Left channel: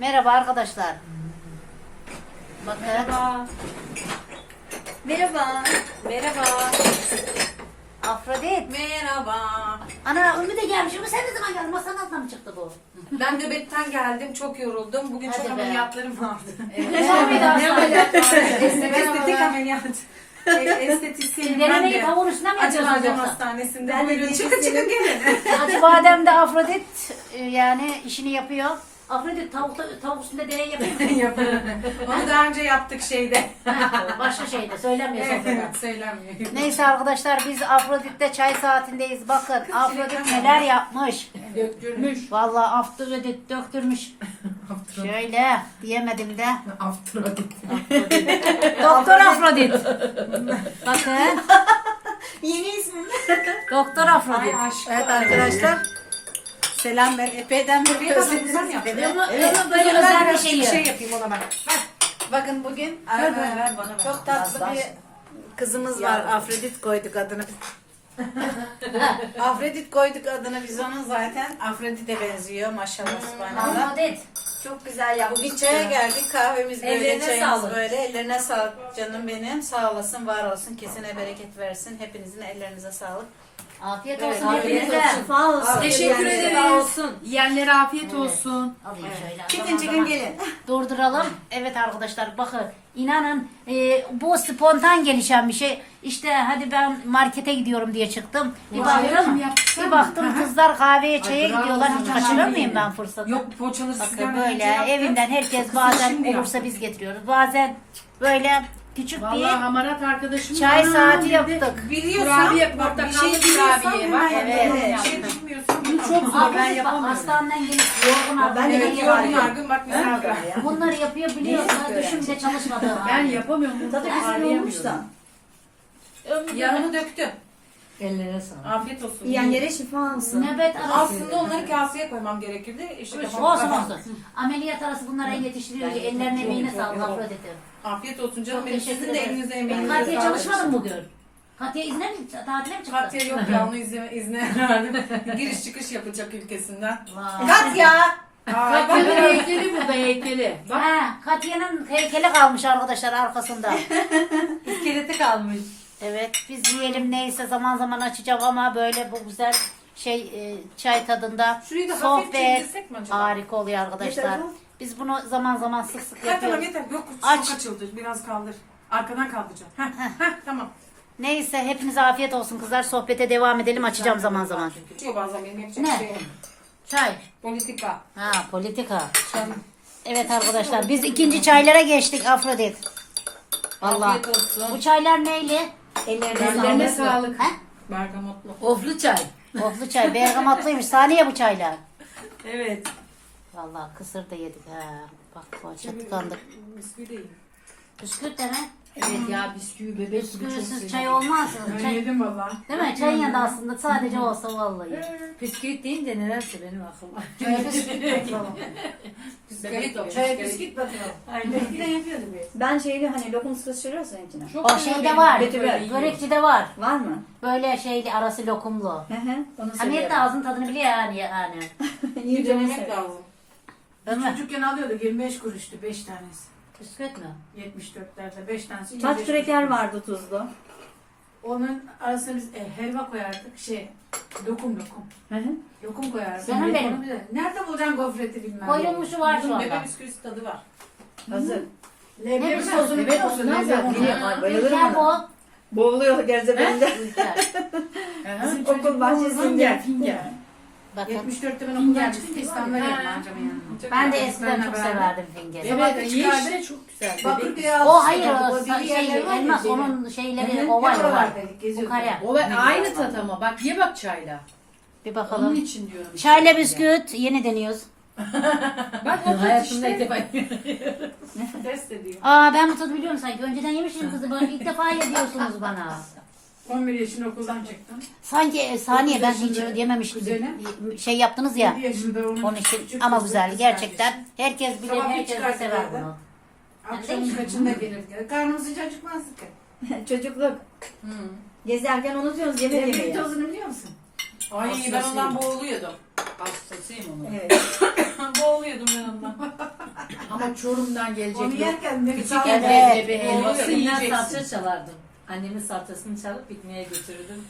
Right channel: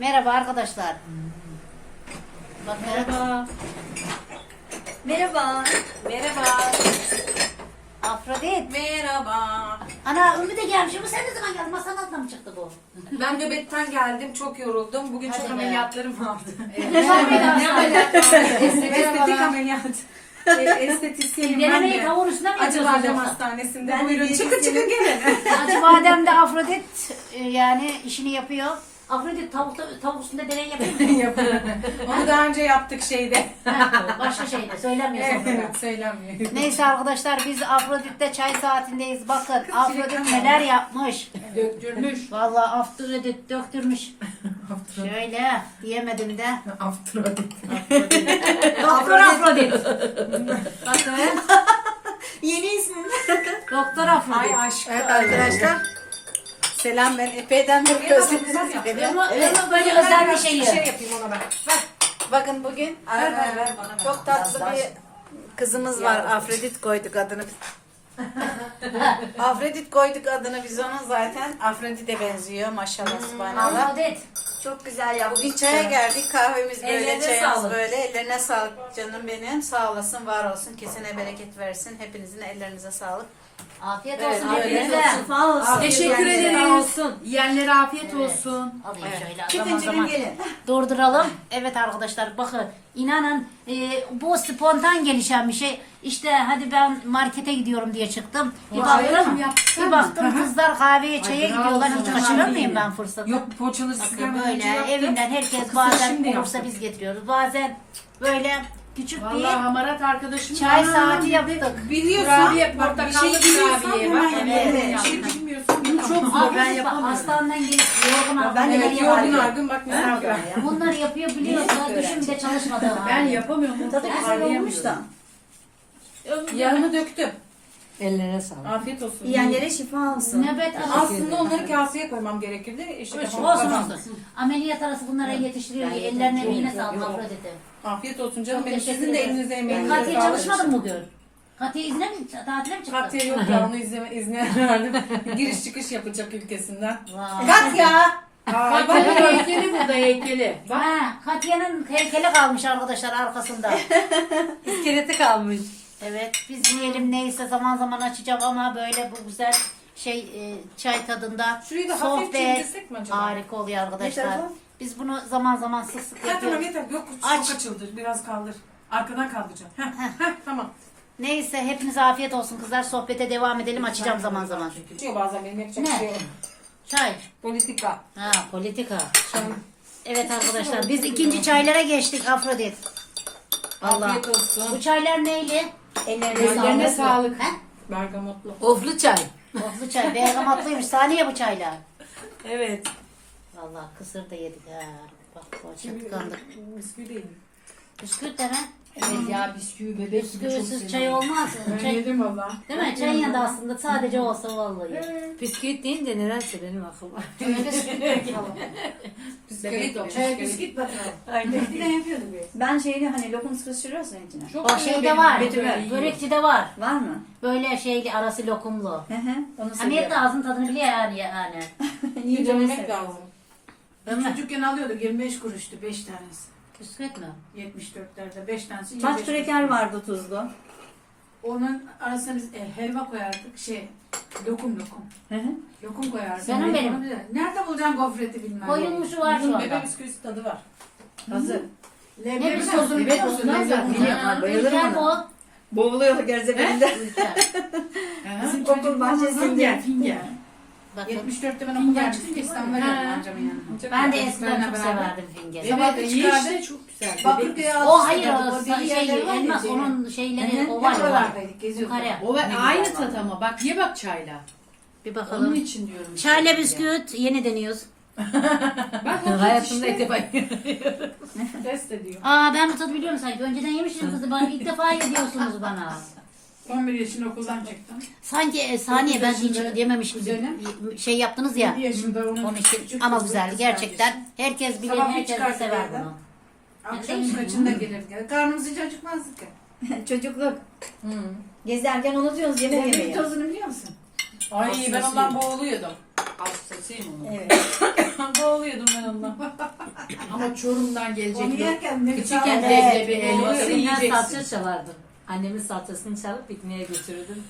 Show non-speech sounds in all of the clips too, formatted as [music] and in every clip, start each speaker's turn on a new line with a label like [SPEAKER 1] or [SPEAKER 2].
[SPEAKER 1] Merhaba arkadaşlar. Bakın.
[SPEAKER 2] Merhaba.
[SPEAKER 3] Merhaba.
[SPEAKER 2] Merhaba.
[SPEAKER 1] Afrodit.
[SPEAKER 2] Merhaba.
[SPEAKER 1] Ana Ümmü de gelmiş ama sen ne zaman geldin? Masanın altına mı çıktı bu?
[SPEAKER 2] Ben nöbetten geldim. Çok yoruldum. Bugün
[SPEAKER 1] Hadi
[SPEAKER 2] çok
[SPEAKER 1] be.
[SPEAKER 2] ameliyatlarım vardı. [laughs]
[SPEAKER 1] Ne aslında? [laughs]
[SPEAKER 2] Estetik ameliyat. Estetisyenim ben
[SPEAKER 1] Denemeyi
[SPEAKER 2] de.
[SPEAKER 1] tavuğun üstüne mi
[SPEAKER 2] Acı
[SPEAKER 1] yapıyorsunuz
[SPEAKER 2] Badem
[SPEAKER 1] yoksa?
[SPEAKER 2] Hastanesi'nde.
[SPEAKER 3] Ben de
[SPEAKER 2] Buyurun çıkın çıkın gelin.
[SPEAKER 1] Acı badem de Afrodit e, yani işini yapıyor. Afrodit tavuk, tavuk üstünde deney yapıyor mu? [laughs]
[SPEAKER 2] Yapıyorum. Onu daha önce yaptık şeyde.
[SPEAKER 1] Ha, Başka şeyde söylemiyorsun.
[SPEAKER 2] evet söylenmiyor.
[SPEAKER 1] Neyse arkadaşlar biz Afrodit'te çay saatindeyiz. Bakın Afrodit neler yapmış.
[SPEAKER 2] Döktürmüş.
[SPEAKER 1] Vallahi Afrodit döktürmüş. Şöyle diyemedim de.
[SPEAKER 2] Afrodit.
[SPEAKER 1] Doktor Afrodit. Bakın.
[SPEAKER 3] Yeni ismim.
[SPEAKER 1] Doktor
[SPEAKER 2] Ay
[SPEAKER 1] Afrodit.
[SPEAKER 2] aşkım.
[SPEAKER 3] Evet arkadaşlar. Selam ben epeyden beri özledim sizi.
[SPEAKER 1] Ama
[SPEAKER 3] Evet.
[SPEAKER 1] böyle özel bir
[SPEAKER 2] şey,
[SPEAKER 1] şey.
[SPEAKER 2] yapayım ona ben.
[SPEAKER 3] Bakın bugün
[SPEAKER 2] Ver bana, ver bana, ver.
[SPEAKER 3] çok tatlı bir kızımız var. Afrodit koyduk adını. Afrodit koyduk adını biz [laughs] onun zaten. Afrodit'e benziyor maşallah subhanallah.
[SPEAKER 1] Afrodit.
[SPEAKER 3] Çok güzel yaptık. Bir çaya geldik kahvemiz böyle
[SPEAKER 2] Ellerine
[SPEAKER 3] çayımız
[SPEAKER 2] sağlık.
[SPEAKER 3] böyle. Ellerine sağlık canım benim. Sağ olasın var olsun. Kesine bereket versin. Hepinizin ellerinize sağlık.
[SPEAKER 1] Afiyet
[SPEAKER 3] Evet,
[SPEAKER 1] olsun.
[SPEAKER 3] afiyet olsun. Sağ olsun.
[SPEAKER 4] Teşekkür ederiz. Yiyenlere afiyet olsun.
[SPEAKER 1] Alayım şöyle. Zaman.
[SPEAKER 3] gelin.
[SPEAKER 1] Durduralım. Evet arkadaşlar bakın inanın e, bu spontan gelişen bir şey. İşte hadi ben markete gidiyorum diye çıktım. Bir baktım, bir baktım kızlar kahveye çaya gidiyorlar. Hiç kaçırır mıyım ben fırsatı?
[SPEAKER 4] Yok poğaçaları siz
[SPEAKER 1] Bakın böyle evinden herkes bazen olursa biz getiriyoruz. Bazen böyle küçük
[SPEAKER 4] Vallahi
[SPEAKER 1] bir
[SPEAKER 4] hamarat arkadaşım.
[SPEAKER 1] çay
[SPEAKER 4] "Aa,"
[SPEAKER 1] saati yaptık.
[SPEAKER 2] Biliyorsan
[SPEAKER 4] Kurabiye,
[SPEAKER 2] bir
[SPEAKER 4] portakallı
[SPEAKER 2] şey biliyorsan
[SPEAKER 4] kurabiye.
[SPEAKER 2] hemen
[SPEAKER 4] Bak,
[SPEAKER 2] yapalım.
[SPEAKER 3] evet.
[SPEAKER 2] Bir şey bilmiyorsun.
[SPEAKER 4] Bunu çok zor ben yapamıyorum.
[SPEAKER 1] hastaneden gelip yorgun argın
[SPEAKER 3] ben
[SPEAKER 2] Evet
[SPEAKER 1] yapıyor.
[SPEAKER 2] yorgun argın bak misafir. [laughs]
[SPEAKER 1] Bunları yapıyor biliyorsunuz. Düşün de çalışmadığım
[SPEAKER 4] Ben yapamıyorum.
[SPEAKER 3] Tadı güzel olmuş da.
[SPEAKER 2] Yarını döktü.
[SPEAKER 4] Ellerine sağlık.
[SPEAKER 2] Afiyet olsun.
[SPEAKER 3] Yiyenlere şifa olsun.
[SPEAKER 1] Nöbet arası.
[SPEAKER 2] Aslında onları kaseye koymam gerekirdi. İşte kafam
[SPEAKER 1] Olsun
[SPEAKER 2] kafam.
[SPEAKER 1] olsun. Ameliyat arası bunlara yetiştiriyor. Ellerine emeğine sağlık Afrodit'im.
[SPEAKER 2] Afiyet olsun canım.
[SPEAKER 1] Çok
[SPEAKER 2] Benim
[SPEAKER 1] teşekkür
[SPEAKER 2] sizin de
[SPEAKER 1] ederim.
[SPEAKER 2] elinize emeğinize
[SPEAKER 1] Katiye mı bugün? Katiye izne mi, tatile mi çıktı?
[SPEAKER 2] Katya yok ya onu izne, izne [laughs] verdim. Giriş çıkış yapacak ülkesinden.
[SPEAKER 1] Vay.
[SPEAKER 2] Katya! Ay,
[SPEAKER 4] Bak
[SPEAKER 2] bak,
[SPEAKER 4] heykeli burada heykeli. Bak
[SPEAKER 1] Ha, Katiye'nin heykeli kalmış arkadaşlar arkasında. [laughs]
[SPEAKER 4] iskeleti kalmış.
[SPEAKER 1] Evet biz yiyelim neyse zaman zaman açacağım ama böyle bu güzel şey e, çay tadında
[SPEAKER 2] Şurayı da hafif
[SPEAKER 1] sohbet
[SPEAKER 2] mi acaba?
[SPEAKER 1] harika oluyor arkadaşlar.
[SPEAKER 3] Yeter?
[SPEAKER 1] Biz bunu zaman zaman sık sık
[SPEAKER 2] Zaten
[SPEAKER 1] yapıyoruz.
[SPEAKER 2] yeter. Yok
[SPEAKER 1] Aç.
[SPEAKER 2] çok açıldı. Biraz kaldır. Arkadan kaldıracağım. Heh, heh, tamam.
[SPEAKER 1] Neyse hepinize afiyet olsun kızlar. Sohbete devam edelim açacağım zaman zaman.
[SPEAKER 2] Çıkıyor bazen benim yapacak
[SPEAKER 1] Ne?
[SPEAKER 2] bir şey yok.
[SPEAKER 1] Çay.
[SPEAKER 2] Politika.
[SPEAKER 1] Ha politika. Evet arkadaşlar biz ikinci çaylara geçtik Afrodit. Allah.
[SPEAKER 2] Afiyet olsun.
[SPEAKER 1] Bu çaylar neyli? Ellerine, sağlık. He?
[SPEAKER 2] Bergamotlu.
[SPEAKER 4] Oflu çay.
[SPEAKER 1] Oflu çay. [laughs] Bergamatlıymış. Saniye bu çaylar.
[SPEAKER 4] Evet.
[SPEAKER 1] Vallahi kısır da yedik ha. Bak poğaça tıkandı.
[SPEAKER 2] Bisküvi değil.
[SPEAKER 1] Bisküvit de mi?
[SPEAKER 4] Evet ya bisküvi bebek gibi çok
[SPEAKER 1] Bisküvisiz çay
[SPEAKER 4] seviyorum.
[SPEAKER 1] olmaz.
[SPEAKER 2] Ben
[SPEAKER 1] Çay,
[SPEAKER 2] yedim valla.
[SPEAKER 1] değil mi? Çay yanında aslında sadece olsa vallahi.
[SPEAKER 4] Bisküvit deyince nedense benim aklıma.
[SPEAKER 2] Bisküvi de
[SPEAKER 4] Çay bisküvit bakalım.
[SPEAKER 3] Eskiden yapıyordum biz. Ben şeyli hani lokum sıkıştırıyorsun içine.
[SPEAKER 1] O şeyde var.
[SPEAKER 3] Betül ver.
[SPEAKER 1] Börekçide var.
[SPEAKER 3] Var mı?
[SPEAKER 1] Böyle şeyli arası lokumlu.
[SPEAKER 3] Hı hı. Onu
[SPEAKER 1] Hamiyet de
[SPEAKER 3] seviyorum.
[SPEAKER 1] ağzının tadını biliyor yani. [laughs] yani.
[SPEAKER 3] Niye
[SPEAKER 2] Yemek lazım.
[SPEAKER 1] Değil mi?
[SPEAKER 5] Çocukken alıyorduk 25 kuruştu 5 tanesi.
[SPEAKER 1] Bisküvit mi?
[SPEAKER 5] 74'lerde 5 tanesi.
[SPEAKER 3] Çaç
[SPEAKER 5] 25
[SPEAKER 3] küreker vardı tuzlu.
[SPEAKER 5] Onun arasına biz e, helva koyardık. Şey lokum lokum.
[SPEAKER 3] Hı hı.
[SPEAKER 5] Lokum koyardık.
[SPEAKER 1] Canım benim.
[SPEAKER 5] Onu bilir. Nerede bulacaksın gofreti bilmem.
[SPEAKER 1] Koyulmuşu var şu
[SPEAKER 2] Bunun
[SPEAKER 1] anda.
[SPEAKER 2] bebe bisküvisi tadı var.
[SPEAKER 5] Hazır.
[SPEAKER 1] Ne
[SPEAKER 5] Leblebi
[SPEAKER 1] biçim
[SPEAKER 5] sosunu
[SPEAKER 3] leblebi
[SPEAKER 5] biliyor musun?
[SPEAKER 3] olmaz ya.
[SPEAKER 5] Leblebi.
[SPEAKER 3] Biliyorum.
[SPEAKER 1] Ha,
[SPEAKER 3] bayılırım
[SPEAKER 1] Ülker bu.
[SPEAKER 3] Boğuluyor gerzebeninde.
[SPEAKER 1] Ülker. [laughs]
[SPEAKER 5] Bizim
[SPEAKER 3] Okul bahçesinde.
[SPEAKER 5] Finger.
[SPEAKER 1] Bakın.
[SPEAKER 5] 74'te ben okuldan çıkınca İstanbul'a geldim amcamın yanına.
[SPEAKER 1] Ben de eskiden çok severdim fingeri.
[SPEAKER 5] Sabah çıkardık.
[SPEAKER 4] işte çok güzel.
[SPEAKER 5] Bakırköy'e
[SPEAKER 1] O
[SPEAKER 5] aldık.
[SPEAKER 1] hayır o şey
[SPEAKER 5] var
[SPEAKER 1] elmas onun şeyleri o var ya var.
[SPEAKER 4] O ben aynı tat ama bak ye bak çayla.
[SPEAKER 1] Bir
[SPEAKER 4] Onun
[SPEAKER 1] bakalım.
[SPEAKER 4] için diyorum.
[SPEAKER 1] Çayla bisküvit yeni deniyoruz. [laughs]
[SPEAKER 4] Bak o tat
[SPEAKER 5] Hayatımda ilk defa
[SPEAKER 2] Test [laughs] ediyor.
[SPEAKER 1] Aa ben bu tadı biliyorum sanki. Önceden yemiştim kızı. Bana ilk defa yapıyorsunuz bana. [laughs]
[SPEAKER 5] 11 yaşında okuldan çıktım.
[SPEAKER 1] Sanki e, saniye ben hiç yememiş gibi
[SPEAKER 5] Güzelim.
[SPEAKER 1] şey yaptınız ya.
[SPEAKER 5] 7 yaşında onun küçük
[SPEAKER 1] ama
[SPEAKER 5] kızı,
[SPEAKER 1] güzel
[SPEAKER 5] kız
[SPEAKER 1] gerçekten. Herkes bilir,
[SPEAKER 5] Sabah bir
[SPEAKER 1] herkes de
[SPEAKER 5] çıkardı
[SPEAKER 1] sever
[SPEAKER 5] evden.
[SPEAKER 1] bunu.
[SPEAKER 5] Akşam kaçında gelirdi. Karnımız hiç acıkmazdı ki. [laughs]
[SPEAKER 3] Çocukluk.
[SPEAKER 2] Hmm.
[SPEAKER 3] Gezerken unutuyoruz yemek yemeyi.
[SPEAKER 5] tozunu biliyor musun?
[SPEAKER 2] Ay ben ondan boğuluyordum.
[SPEAKER 4] Hastasıyım onu.
[SPEAKER 3] Evet. [laughs]
[SPEAKER 2] boğuluyordum ben ondan. [laughs]
[SPEAKER 4] sonra Çorum'dan gelecek.
[SPEAKER 5] Onu yerken ne
[SPEAKER 4] Küçükken.
[SPEAKER 1] Evet.
[SPEAKER 4] leblebi helvası yiyeceksin.
[SPEAKER 6] salça çalardım. Annemin salçasını çalıp pikniğe götürürdüm.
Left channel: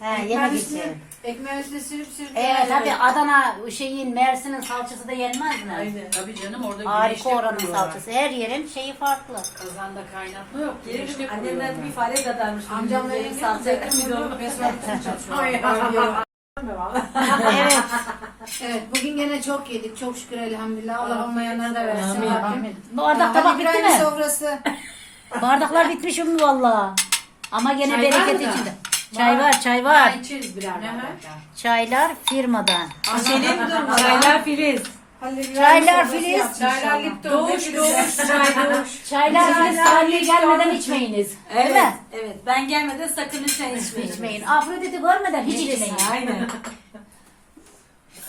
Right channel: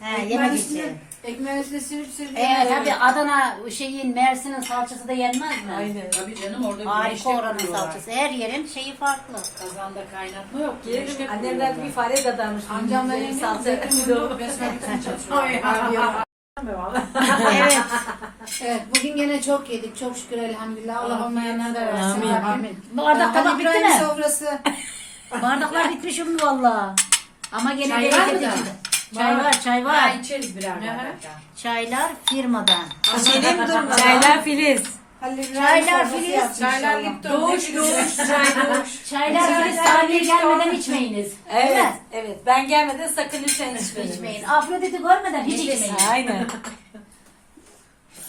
[SPEAKER 1] He, yemek
[SPEAKER 5] üstüne,
[SPEAKER 1] için.
[SPEAKER 5] ekmeğin üstüne sürüp sürüp.
[SPEAKER 1] Evet tabii Adana şeyin Mersin'in salçası da yenmez mi?
[SPEAKER 2] Aynen.
[SPEAKER 4] Tabii canım orada güneşte
[SPEAKER 1] Harika oranın
[SPEAKER 4] kuruyorlar.
[SPEAKER 1] salçası. Her yerin şeyi farklı.
[SPEAKER 4] Kazanda kaynatma yok. Güneşte
[SPEAKER 6] annemler bir fare kadarmış.
[SPEAKER 5] Amcamla yenge
[SPEAKER 6] salça.
[SPEAKER 5] resmen bütün çalışıyor. [laughs]
[SPEAKER 1] evet.
[SPEAKER 5] Evet bugün gene çok yedik çok şükür elhamdülillah. Allah olmayanlara da versin.
[SPEAKER 4] Amin, amin.
[SPEAKER 1] Bardak tabak
[SPEAKER 5] Halil
[SPEAKER 1] bitti mi?
[SPEAKER 5] sofrası. [laughs]
[SPEAKER 1] Bardaklar bitmiş mi valla? Ama gene
[SPEAKER 4] Çay var
[SPEAKER 1] bereket
[SPEAKER 4] mı da?
[SPEAKER 1] içinde. Çay var, çay var.
[SPEAKER 4] Ya içeriz birer bardak daha.
[SPEAKER 1] Çaylar firmadan.
[SPEAKER 6] Senin durma. Çaylar Filiz.
[SPEAKER 1] Çaylar Filiz.
[SPEAKER 2] Çaylar. Lipton.
[SPEAKER 6] Doğuş doğuş çay doğuş.
[SPEAKER 1] Çaylar Filiz sahneye gelmeden içmeyiniz.
[SPEAKER 6] Evet. Evet. Ben gelmeden sakın lütfen içmeyin.
[SPEAKER 1] İçmeyin. Afrodit'i görmeden hiç içmeyin.
[SPEAKER 6] Aynen.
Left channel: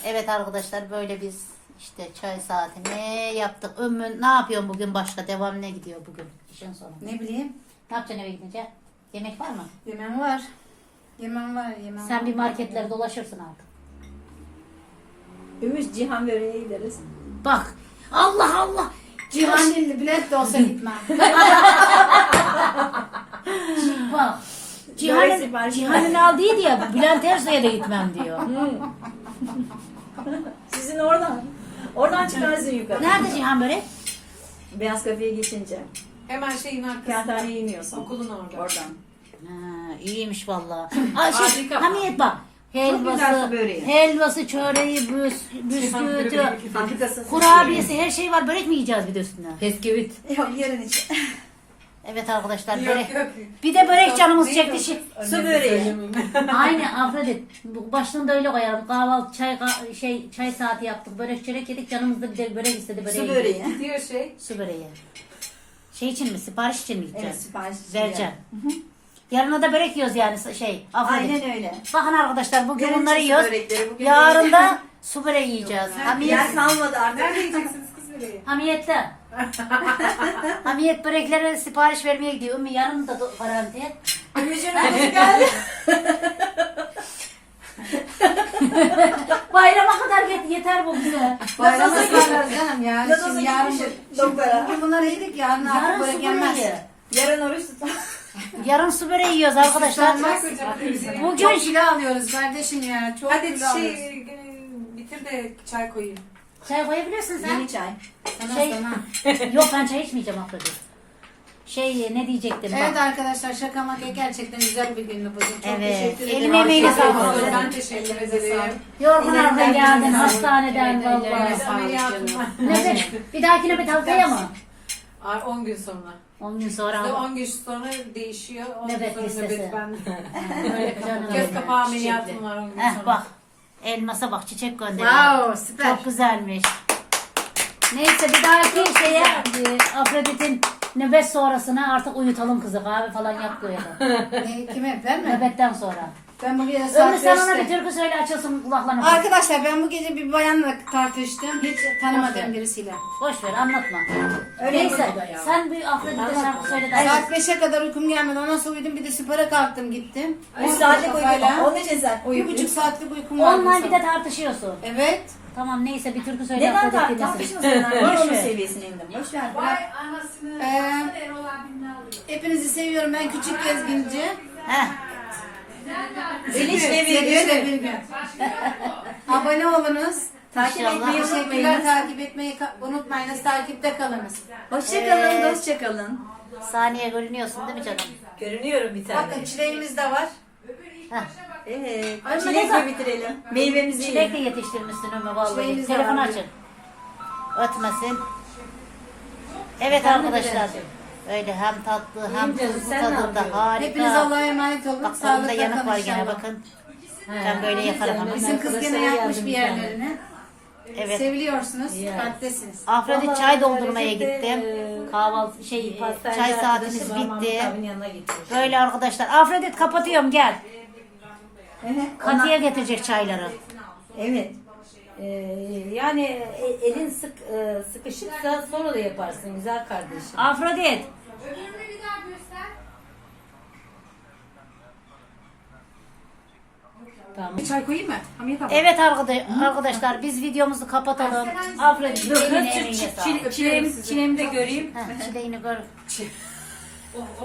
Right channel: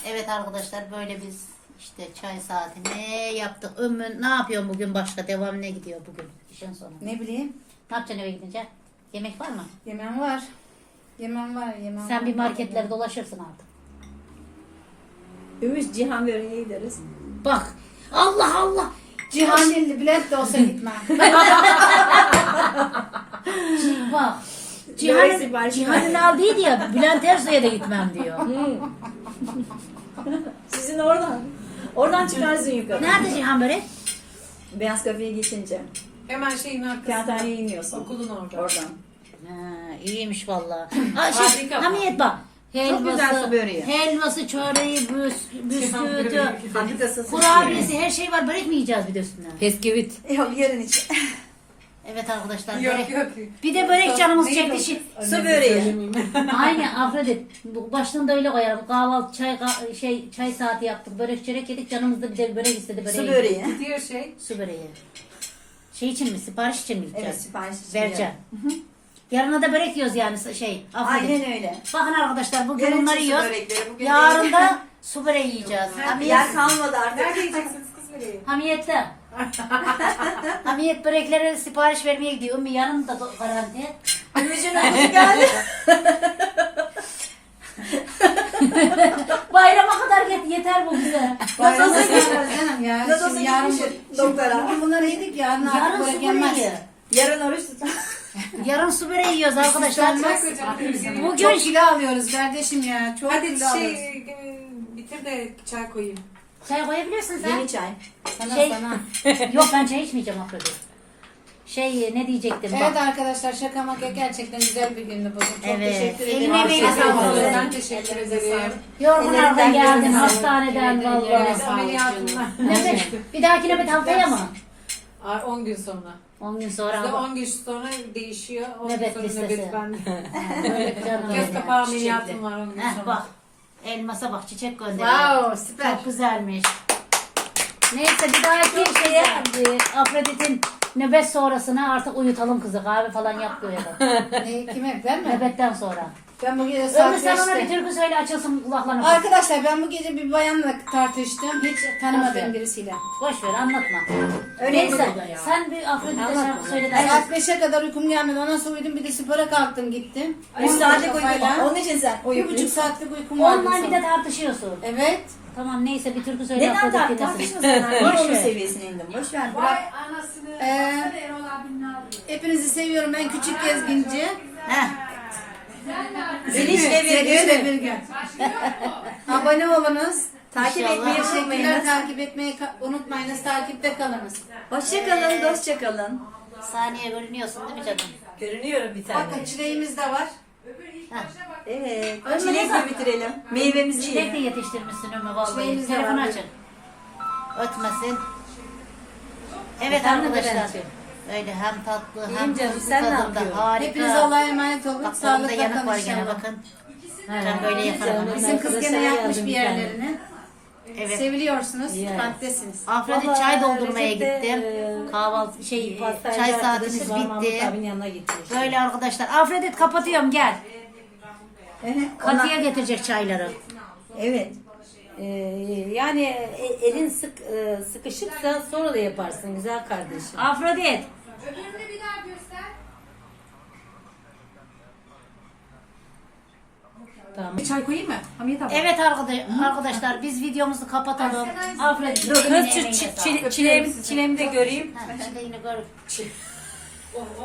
[SPEAKER 1] Evet arkadaşlar böyle biz işte çay saatini yaptık. Ömrün ne yapıyorsun bugün başka? Devam ne gidiyor bugün? İşin sonu.
[SPEAKER 5] Ne bileyim
[SPEAKER 1] Ne yapacaksın eve gidince? Yemek var mı?
[SPEAKER 5] yemem var. Yemem var yemem
[SPEAKER 1] Sen
[SPEAKER 5] var.
[SPEAKER 1] bir marketlere dolaşırsın artık.
[SPEAKER 6] Ümit Cihan böreğe gideriz.
[SPEAKER 1] Bak. Allah Allah.
[SPEAKER 5] Cihan Dilli Bülent de olsa gitmem. [laughs]
[SPEAKER 1] Bak.
[SPEAKER 6] Börek
[SPEAKER 1] Cihan'ın,
[SPEAKER 6] siparişi
[SPEAKER 1] Cihan'ın aldıydı ya. Bülent Ersoy'a da gitmem diyor.
[SPEAKER 6] Sizin oradan. Oradan çıkarsın yukarı.
[SPEAKER 1] Nerede Cihan börek?
[SPEAKER 6] Beyaz kafeye geçince.
[SPEAKER 2] Hemen şeyin arkasında.
[SPEAKER 6] Kağıthaneye iniyorsun.
[SPEAKER 2] Okulun orada.
[SPEAKER 6] Oradan.
[SPEAKER 1] Ha, iyiymiş valla. [laughs] Şey,
[SPEAKER 2] Harika.
[SPEAKER 1] Hamiyet bak. Helvası,
[SPEAKER 6] su böreği.
[SPEAKER 1] helvası, çöreği, büs, bisküviti,
[SPEAKER 6] Fabrikası.
[SPEAKER 1] kurabiyesi her şey var. Börek mi yiyeceğiz bir de üstüne?
[SPEAKER 6] Bisküvit.
[SPEAKER 3] Yok yarın için. [laughs]
[SPEAKER 1] Evet arkadaşlar
[SPEAKER 2] Yok
[SPEAKER 1] börek.
[SPEAKER 2] yok.
[SPEAKER 1] Bir de börek canımız
[SPEAKER 2] Neydi
[SPEAKER 1] çekti.
[SPEAKER 2] o?
[SPEAKER 1] Şey,
[SPEAKER 6] Su böreği.
[SPEAKER 1] Aynen [laughs] Afrodit. Bu- Baştan da öyle koyalım. Kahvaltı, çay, ka- şey, çay saati yaptık. Börek çörek yedik. Canımız da bir de börek istedi. Böreği
[SPEAKER 3] Su böreği.
[SPEAKER 2] Gidiyor şey.
[SPEAKER 1] Su böreği. Şey için mi? Sipariş için mi
[SPEAKER 3] Evet
[SPEAKER 1] gideceğiz?
[SPEAKER 3] sipariş için
[SPEAKER 1] Vereceğim. Yarına da börek yiyoruz yani şey. Afrodit.
[SPEAKER 3] Aynen öyle.
[SPEAKER 1] Bakın arkadaşlar bugün
[SPEAKER 3] Yarın
[SPEAKER 1] bunları
[SPEAKER 3] su
[SPEAKER 1] yiyoruz.
[SPEAKER 3] börekleri, bugün
[SPEAKER 1] Yarın da su böreği [laughs] yiyeceğiz. Hamiyet,
[SPEAKER 3] Yer kalmadı artık.
[SPEAKER 2] Nerede yiyeceksiniz kız böreği?
[SPEAKER 1] hamiyette. [laughs] Hamiyet börekleri sipariş vermeye gidiyor. Ümmü yarın da do- garanti.
[SPEAKER 3] geldi. [laughs]
[SPEAKER 1] Bayrama kadar yet- yeter bu bize.
[SPEAKER 5] Nasıl ısmarlarız canım ya.
[SPEAKER 3] Nasıl
[SPEAKER 5] Şimdi yarın
[SPEAKER 3] gitmişim doktora?
[SPEAKER 5] Bugün bunları yedik yarın artık
[SPEAKER 1] Yarın su
[SPEAKER 5] börek yenmez.
[SPEAKER 1] böreği.
[SPEAKER 3] Yarın oruç tutun. [laughs]
[SPEAKER 1] Yarın su böreği yiyoruz arkadaşlar. Bugün
[SPEAKER 5] Çok kilo alıyoruz kardeşim ya. Çok
[SPEAKER 2] Hadi
[SPEAKER 5] kilo alıyoruz.
[SPEAKER 2] şey e, bitir de çay koyayım.
[SPEAKER 1] Çay koyabiliyorsun sen.
[SPEAKER 3] Yeni çay.
[SPEAKER 5] Sana
[SPEAKER 1] Şey-
[SPEAKER 5] sana. [laughs]
[SPEAKER 1] Yok ben çay içmeyeceğim Afrodit. Şey ne diyecektim
[SPEAKER 5] Evet
[SPEAKER 1] bak.
[SPEAKER 5] arkadaşlar şaka maka gerçekten güzel bir gündü bugün. Çok
[SPEAKER 1] Evet.
[SPEAKER 5] teşekkür
[SPEAKER 1] Eline
[SPEAKER 5] ederim.
[SPEAKER 1] emeğine
[SPEAKER 5] Teşekkür
[SPEAKER 1] sağlık.
[SPEAKER 5] ederim.
[SPEAKER 2] Ben teşekkür ederim.
[SPEAKER 1] Yorgunlardan geldin hastaneden
[SPEAKER 4] Ellerine
[SPEAKER 1] valla.
[SPEAKER 2] var.
[SPEAKER 1] Nöbet. Bir dahakine bir haftaya mı?
[SPEAKER 2] Ay, 10 gün sonra.
[SPEAKER 1] 10 gün sonra
[SPEAKER 2] Bizde
[SPEAKER 1] ama.
[SPEAKER 2] 10 gün sonra değişiyor. 10 gün
[SPEAKER 1] Nöbet
[SPEAKER 2] sonra
[SPEAKER 1] listesi.
[SPEAKER 2] nöbet bende.
[SPEAKER 1] Böyle [laughs] canım.
[SPEAKER 2] Göz kapağı ameliyatım var 10 gün
[SPEAKER 1] Heh
[SPEAKER 2] sonra.
[SPEAKER 1] bak. Elmasa bak çiçek gönderiyor.
[SPEAKER 5] Wow süper.
[SPEAKER 1] Çok güzelmiş. Neyse bir dahaki şeye e, Afrodit'in nöbet sonrasına artık uyutalım kızı. Kahve falan yap koyalım. [laughs]
[SPEAKER 5] Ne, kime ben mi?
[SPEAKER 1] Nöbetten sonra.
[SPEAKER 5] Ben bu gece saat
[SPEAKER 1] Ömür sen ona bir
[SPEAKER 5] 5'te.
[SPEAKER 1] türkü söyle açılsın kulaklarına.
[SPEAKER 5] Arkadaşlar ben bu gece bir bayanla tartıştım. Hiç tanımadığım birisiyle.
[SPEAKER 1] Boş ver anlatma.
[SPEAKER 5] Öyle
[SPEAKER 1] Neyse sen bir Afrodit'e şarkı söyle de.
[SPEAKER 5] Saat 5'e kadar uykum gelmedi. Ondan sonra uyudum. Bir de spora kalktım gittim.
[SPEAKER 3] Üç saatlik uyku. Onun için sen
[SPEAKER 5] Bir buçuk saatlik uykum vardı.
[SPEAKER 1] Onunla bir de tartışıyorsun.
[SPEAKER 5] Evet.
[SPEAKER 1] Tamam neyse bir türkü söyle
[SPEAKER 3] Neden
[SPEAKER 1] Afrodit
[SPEAKER 3] tar-
[SPEAKER 1] dinlesin.
[SPEAKER 3] tartışmasın? Yani
[SPEAKER 1] Boş ver.
[SPEAKER 3] seviyesine indim. Boş ver. Bırak.
[SPEAKER 5] Ee, hepinizi seviyorum. Ben küçük gezginci.
[SPEAKER 1] Heh.
[SPEAKER 3] Zeliş ve
[SPEAKER 5] Sevgiyle
[SPEAKER 3] Virgül.
[SPEAKER 5] bir gün. [laughs] Abone olunuz.
[SPEAKER 3] Takip
[SPEAKER 1] İnşallah.
[SPEAKER 3] etmeyi
[SPEAKER 5] Teşekkürler.
[SPEAKER 3] unutmayın.
[SPEAKER 5] Takip etmeyi ka- unutmayınız. Takipte kalınız.
[SPEAKER 3] Hoşçakalın, dostça kalın.
[SPEAKER 1] Saniye görünüyorsun değil mi canım?
[SPEAKER 6] Görünüyorum bir tane.
[SPEAKER 5] Bakın çileğimiz de var.
[SPEAKER 3] Evet. Çilekle bitirelim. Meyvemizi
[SPEAKER 1] Çilek
[SPEAKER 3] yiyelim.
[SPEAKER 1] de yetiştirmişsin Ömür vallahi.
[SPEAKER 5] Çileğimiz de
[SPEAKER 1] Telefon
[SPEAKER 5] var.
[SPEAKER 1] açın. Ötmesin. Evet arkadaşlar. Öyle hem tatlı hem
[SPEAKER 6] İyiyim canım,
[SPEAKER 1] tuzlu
[SPEAKER 6] sen ne
[SPEAKER 1] tadında
[SPEAKER 6] yapıyorsun?
[SPEAKER 1] harika.
[SPEAKER 5] Hepiniz Allah'a emanet olun.
[SPEAKER 1] Bak
[SPEAKER 5] Sağlıkla
[SPEAKER 1] Sağlıkla yanık
[SPEAKER 5] kalın
[SPEAKER 1] var gene
[SPEAKER 5] inşallah.
[SPEAKER 1] bakın. Ben böyle yaparım ama.
[SPEAKER 5] Bizim kız gene yapmış bir yerlerini.
[SPEAKER 1] Evet.
[SPEAKER 5] Seviliyorsunuz.
[SPEAKER 6] Ya.
[SPEAKER 5] Kalptesiniz.
[SPEAKER 1] Afrodit çay doldurmaya gittim.
[SPEAKER 6] e,
[SPEAKER 1] Kahvaltı şey
[SPEAKER 6] Pastaneci
[SPEAKER 1] çay saatimiz bitti. Böyle arkadaşlar. Afrodit kapatıyorum gel. Katıya getirecek çayları.
[SPEAKER 3] Evet.
[SPEAKER 6] Ee, yani e- elin sık e, sıkışıksa sonra da yaparsın güzel kardeşim.
[SPEAKER 1] Afrodit.
[SPEAKER 6] Tamam.
[SPEAKER 2] Bir çay koyayım mı? Hamiyet abla.
[SPEAKER 1] Evet arkadaş- arkadaşlar biz videomuzu kapatalım. Alfred
[SPEAKER 6] Dur kız çi- çi- çile- çileğimi, çileğimi de göreyim.
[SPEAKER 1] Ha, Çileğini gör.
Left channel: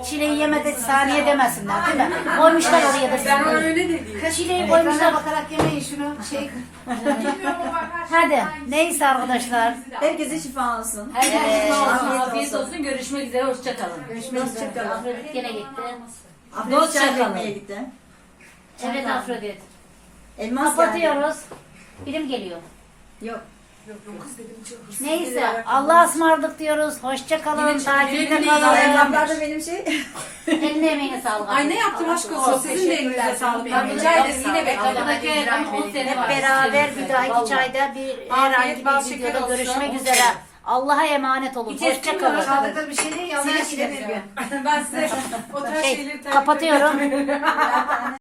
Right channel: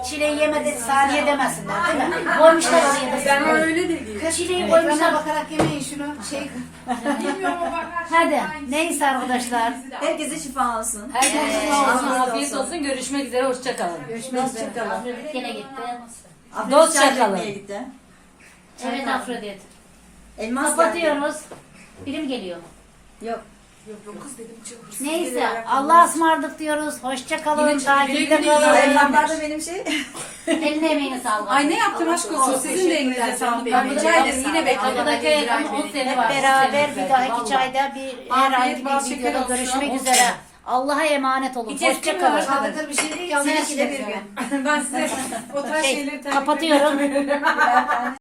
[SPEAKER 1] Çileği yemedi saniye demesinler değil mi? Koymuşlar oraya da.
[SPEAKER 2] Ben öyle dedim.
[SPEAKER 1] Çileği koymuşlar.
[SPEAKER 2] bakarak yemeyin şunu. Şey,
[SPEAKER 1] Hadi neyse arkadaşlar.
[SPEAKER 3] Herkese şifa olsun.
[SPEAKER 6] Afiyet olsun. Görüşmek üzere. Hoşçakalın.
[SPEAKER 1] Afrodit gene gitti.
[SPEAKER 6] Dost
[SPEAKER 3] Çay
[SPEAKER 6] çakalın.
[SPEAKER 3] demeye gitti.
[SPEAKER 1] Evet Afrodit.
[SPEAKER 3] Elmas geldi.
[SPEAKER 1] Kapatıyoruz. Birim geliyor.
[SPEAKER 3] Yok.
[SPEAKER 1] Neyse Allah'a ısmarladık diyoruz. Hoşça kalın.
[SPEAKER 2] Yine
[SPEAKER 1] Takipte kalın.
[SPEAKER 3] Reklamlarda benim şey.
[SPEAKER 1] Eline emeğine sağlık.
[SPEAKER 2] Ay ne yaptım aşk olsun. Sizin de elinize sağlık. Ben rica ederim. Yine bekledim.
[SPEAKER 6] Arkadaki o sene var.
[SPEAKER 1] Hep beraber bir dahaki çayda bir herhangi bir videoda görüşmek üzere. Allah'a emanet olun. Hoşça kalın.
[SPEAKER 2] Çaldıkları bir şey değil. Yalnız bir gün. [laughs] Ben size [laughs] o tarz
[SPEAKER 1] Şey,
[SPEAKER 2] şeyleri takip
[SPEAKER 1] Kapatıyorum. [laughs]